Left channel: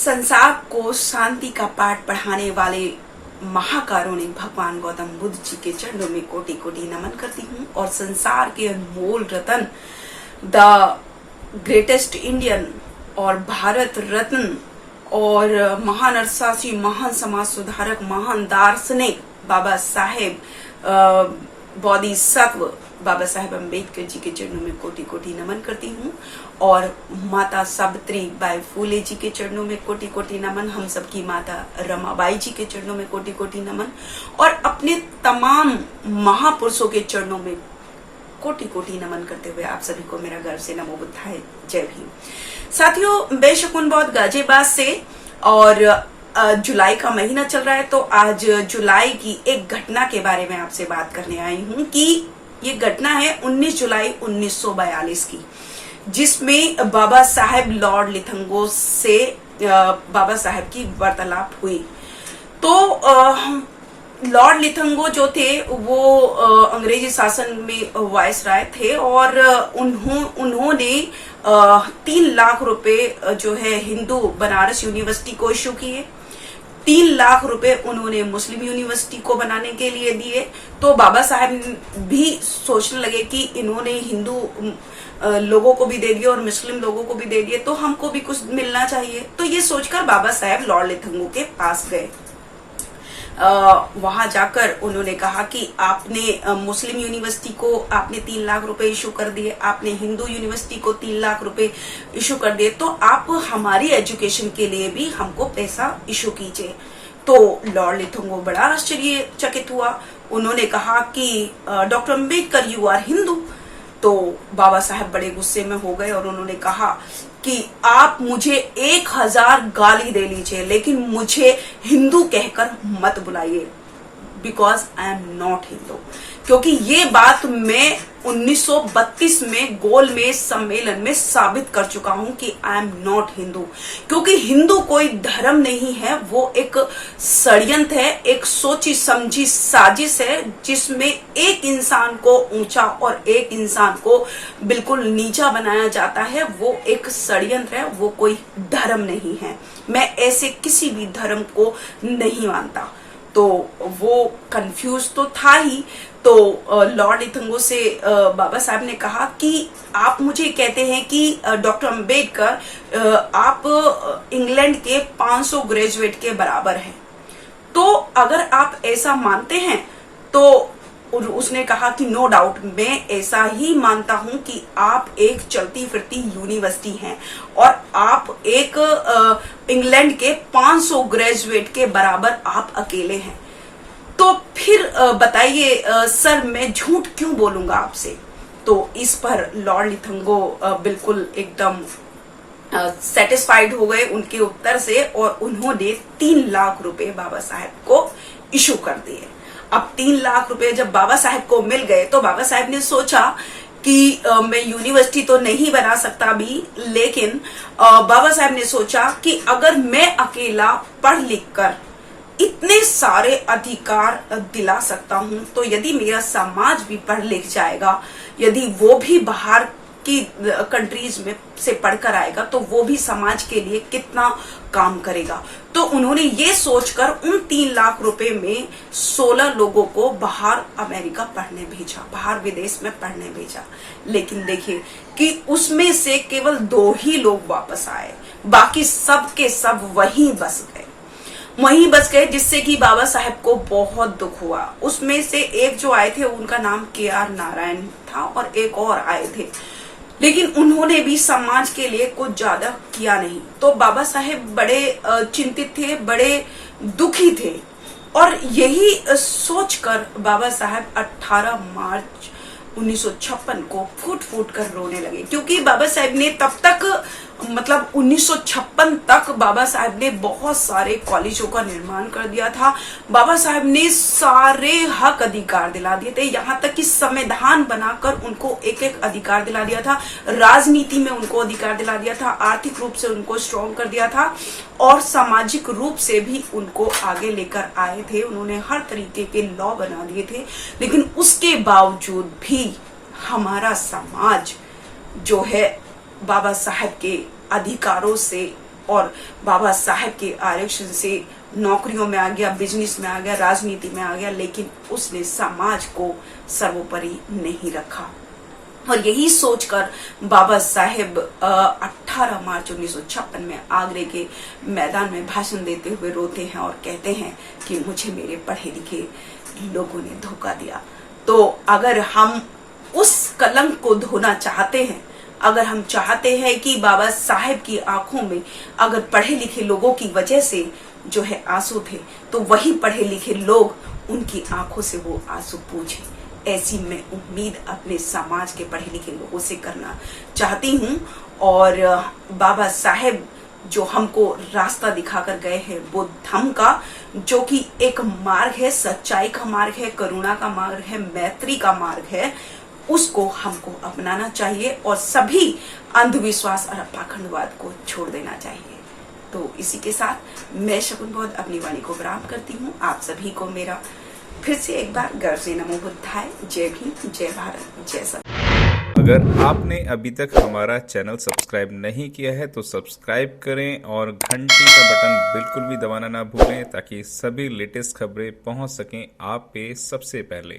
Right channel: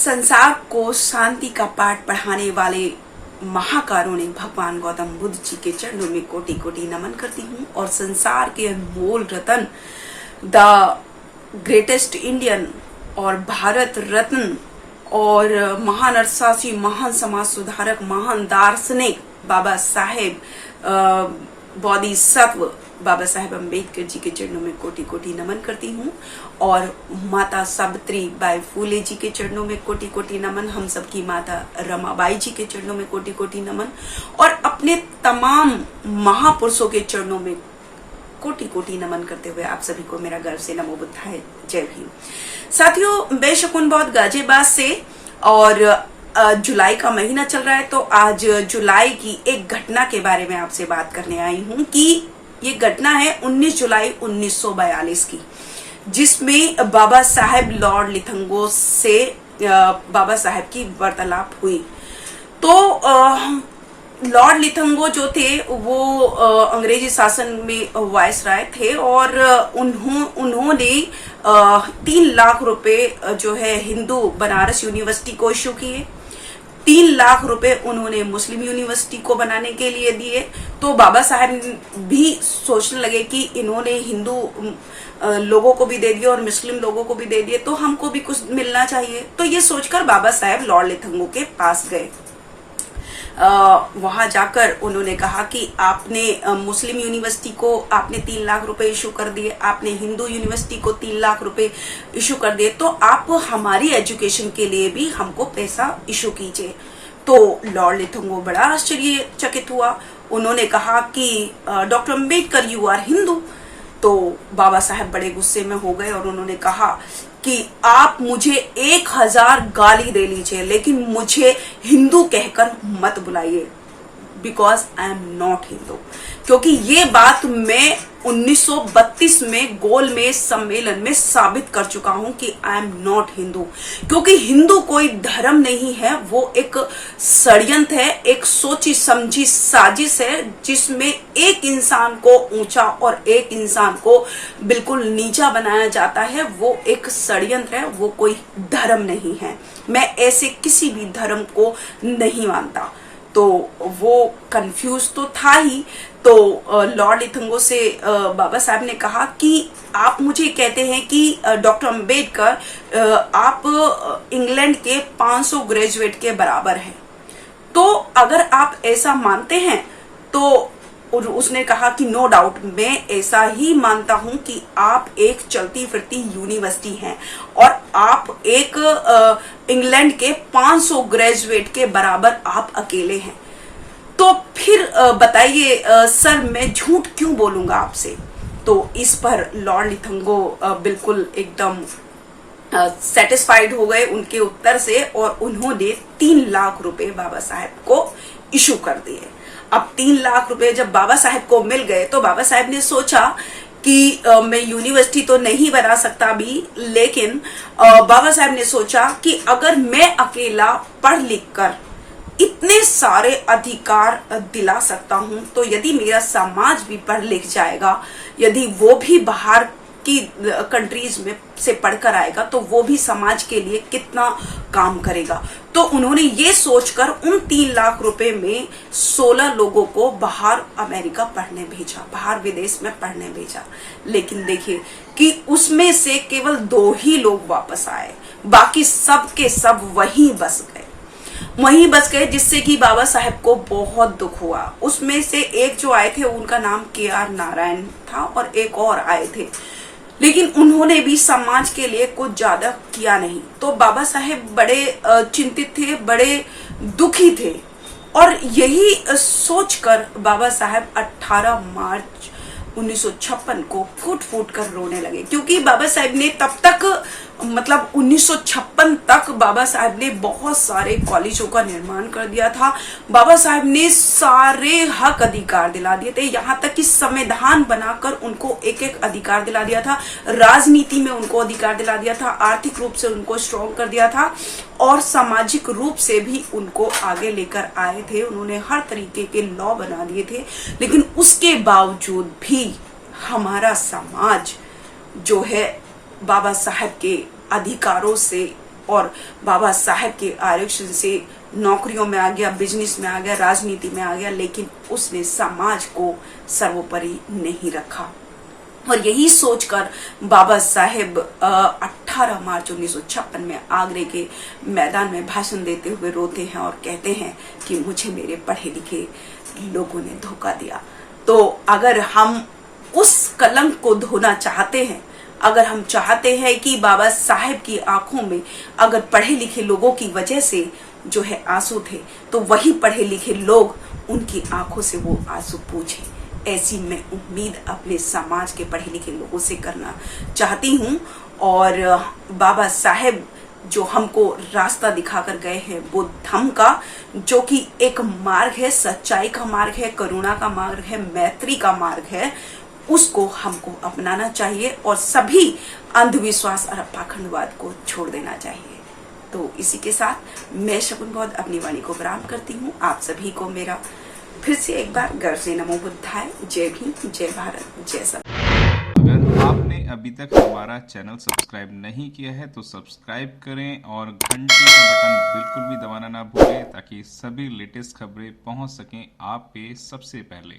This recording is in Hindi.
संसार को शांति का पाठ पढ़ाने वाले महाकारुणिक भगवान गौतम बुद्ध जी के चरणों में कोटि कोटि नमन करती हूँ और संसार के अनमोल रत्न द ग्रेटेस्ट इंडियन और भारत रत्न और महान अर्थशास्त्री, महान समाज सुधारक, महान दार्शनिक बाबा साहेब बोधिसत्व बाबा साहेब अम्बेडकर जी के चरणों में कोटि कोटि नमन करती हूँ और माता सावित्री बाई फूले जी के चरणों में कोटि कोटि नमन, हम सबकी माता रमाबाई जी के चरणों में कोटि कोटि नमन और अपने तमाम महापुरुषों के चरणों में कोटि कोटि नमन करते हुए आप सभी को मेरा गर्व से नमो बुद्धाय, जय भीम। साथियों, बेशकुन बहुत गाजियाबाद से और जुलाई का महीना चल रहा है तो आज जुलाई की एक घटना के बारे में आपसे बात करने आई हूँ कि ये घटना है 19 जुलाई 1942 की, जिसमें बाबा साहेब लॉर्ड लिथंगो से बाबा साहेब की वार्तालाप हुई। तो लॉर्ड लिथंगो जो थे वो अंग्रेजी शासन में वायसराय थे और उन्होंने 3 लाख रुपए जो है हिंदू बनारस यूनिवर्सिटी को इश्यू किए। 3 लाख रुपए उन्होंने मुस्लिम यूनिवर्सिटी को बनाने के लिए दिए। तो बाबा साहब भी सोचने लगे कि इन्होंने हिंदू लोगों को भी दे दिए और मुस्लिम लोगों को भी दे दिए तो हमको भी कुछ मिलना चाहिए। तो ये सोचकर बाबा साहब लॉर्ड लिथंगो के पास गए। वहां जाकर उन्होंने कहा कि आपने मुस्लिम यूनिवर्सिटी को आपने 3 लाख रुपए इशू कर दिए, आपने हिंदू यूनिवर्सिटी को 3 लाख रुपए इशू कर दिए, तो आप हमारी एजुकेशन के लिए भी हमको पैसा इशू कीजिए। तो लॉर्ड लिथंगो बड़ा आश्चर्यचकित हुआ। उन्होंने कहा कि doctor Ambedkar you are Hindu. तो बाबा साहब बड़े गुस्से में हो गए और उन्होंने कहा कि आप मुझे 1000 गाली दे लीजिए लेकिन मुझे हिंदू कहकर मत बुलाइए, because I am not Hindu. क्योंकि ये बात मैं 1932 में गोलमेज सम्मेलन में साबित कर चुका हूं कि आई एम नॉट हिंदू। क्योंकि हिंदू कोई धर्म नहीं है, वो एक षड्यंत्र है, एक सोची समझी साजिश है जिसमें एक इंसान को ऊंचा और एक इंसान को बिल्कुल नीचा बनाया जाता है। वो एक षड्यंत्र है, वो कोई धर्म नहीं है। मैं ऐसे किसी भी धर्म को नहीं मानता। तो वो कंफ्यूज तो था ही। तो लॉर्ड लिथंगो से बाबा साहब ने कहा कि आप मुझे कहते हैं कि डॉक्टर अम्बेडकर आप इंग्लैंड के 500 ग्रेजुएट के बराबर हैं। तो अगर आप ऐसा मानते हैं तो उसने कहा कि नो डाउट, मैं ऐसा ही मानता हूं कि आप एक चलती फिरती यूनिवर्सिटी हैं और आप एक इंग्लैंड के 500 ग्रेजुएट के बराबर आप अकेले हैं। तो फिर बताइए सर, मैं झूठ क्यों बोलूंगा आपसे। तो इस पर लॉर्ड लिथंगो बिल्कुल एकदम सेटिस्फाइड हो गए उनके उत्तर से और उन्होंने 3 लाख रुपए बाबा साहब को इशू कर दिए। अब 3 लाख रुपए जब बाबा साहब को मिल गए तो बाबा साहब ने सोचा कि मैं यूनिवर्सिटी तो नहीं बना सकता अभी, लेकिन बाबा साहब ने सोचा कि अगर मैं अकेला पढ़ लिख कर इतने सारे अधिकार दिला सकता हूं तो यदि मेरा समाज भी पढ़ लिख जाएगा, यदि वो भी बाहर की कंट्रीज में से पढ़कर आएगा तो वो भी समाज के लिए कितना काम करेगा। तो उन्होंने ये सोचकर उन 3 लाख रुपए में 16 लोगों को बाहर अमेरिका पढ़ने भेजा, बाहर विदेश में पढ़ने भेजा। लेकिन देखिए कि उसमें से केवल 2 ही लोग वापस आए, बाकी सब के सब वहीं बस गए, जिससे कि बाबा साहब को बहुत दुख हुआ। उसमें से एक जो आए थे उनका नाम KR नारायण था और एक और आए थे, लेकिन उन्होंने भी समाज के लिए कुछ ज्यादा किया नहीं। तो बाबा साहेब बड़े चिंतित थे, बड़े दुखी थे और यही सोचकर बाबा साहेब 18 मार्च 1956 को फूट फूट कर रोने लगे। क्योंकि बाबा साहेब ने तब तक मतलब 1956 तक बाबा साहब ने बहुत सारे कॉलेजों का निर्माण कर दिया था। बाबा साहब ने सारे हक अधिकार दिला दिए थे, यहाँ तक कि संविधान बनाकर उनको एक एक अधिकार दिला दिया था, राजनीति में उनको अधिकार दिला दिया था, आर्थिक रूप से उनको स्ट्रॉन्ग कर दिया था और सामाजिक रूप से भी उनको आगे लेकर आए थे। उन्होंने हर तरीके के लॉ बना दिए थे। लेकिन उसके बावजूद भी हमारा समाज जो है बाबा साहब के अधिकारों से और बाबा साहेब के आरक्षण से नौकरियों में आ गया, बिजनेस में आ गया, राजनीति में आ गया, लेकिन उसने समाज को सर्वोपरि नहीं रखा। और यही सोचकर बाबा साहेब 18 मार्च 1956 में आगरे के मैदान में भाषण देते हुए रोते हैं और कहते हैं कि मुझे मेरे पढ़े लिखे लोगों ने धोखा दिया। तो अगर हम उस कलंक को धोना चाहते हैं, अगर हम चाहते हैं कि बाबा साहेब की आंखों में अगर पढ़े लिखे लोगों की वजह से जो है आंसू थे, तो वही पढ़े लिखे लोग उनकी आंखों से वो आंसू पूछे। ऐसी मैं उम्मीद अपने समाज के पढ़े लिखे लोगों से करना चाहती हूँ। और बाबा साहेब जो हमको रास्ता दिखाकर गए हैं, वो धम्म का, जो कि एक मार्ग है, सच्चाई का मार्ग है, करुणा का मार्ग है, मैत्री का मार्ग है, उसको हमको अपनाना चाहिए और सभी अंधविश्वास और पाखंडवाद को छोड़ देना चाहिए। तो इसी के साथ मैं शकुन बौद्ध अपनी वाणी को विराम करती हूँ। आप सभी को मेरा फिर से एक बार गर्व से नमो बुद्धाय। जय भीम, जय भारत, जय सब। अगर आपने अभी तक हमारा चैनल सब्सक्राइब नहीं किया है तो सब्सक्राइब करें और घंटी का बटन बिल्कुल भी दबाना ना भूलें, ताकि सभी लेटेस्ट खबरें पहुंच सकें आप पे सबसे पहले।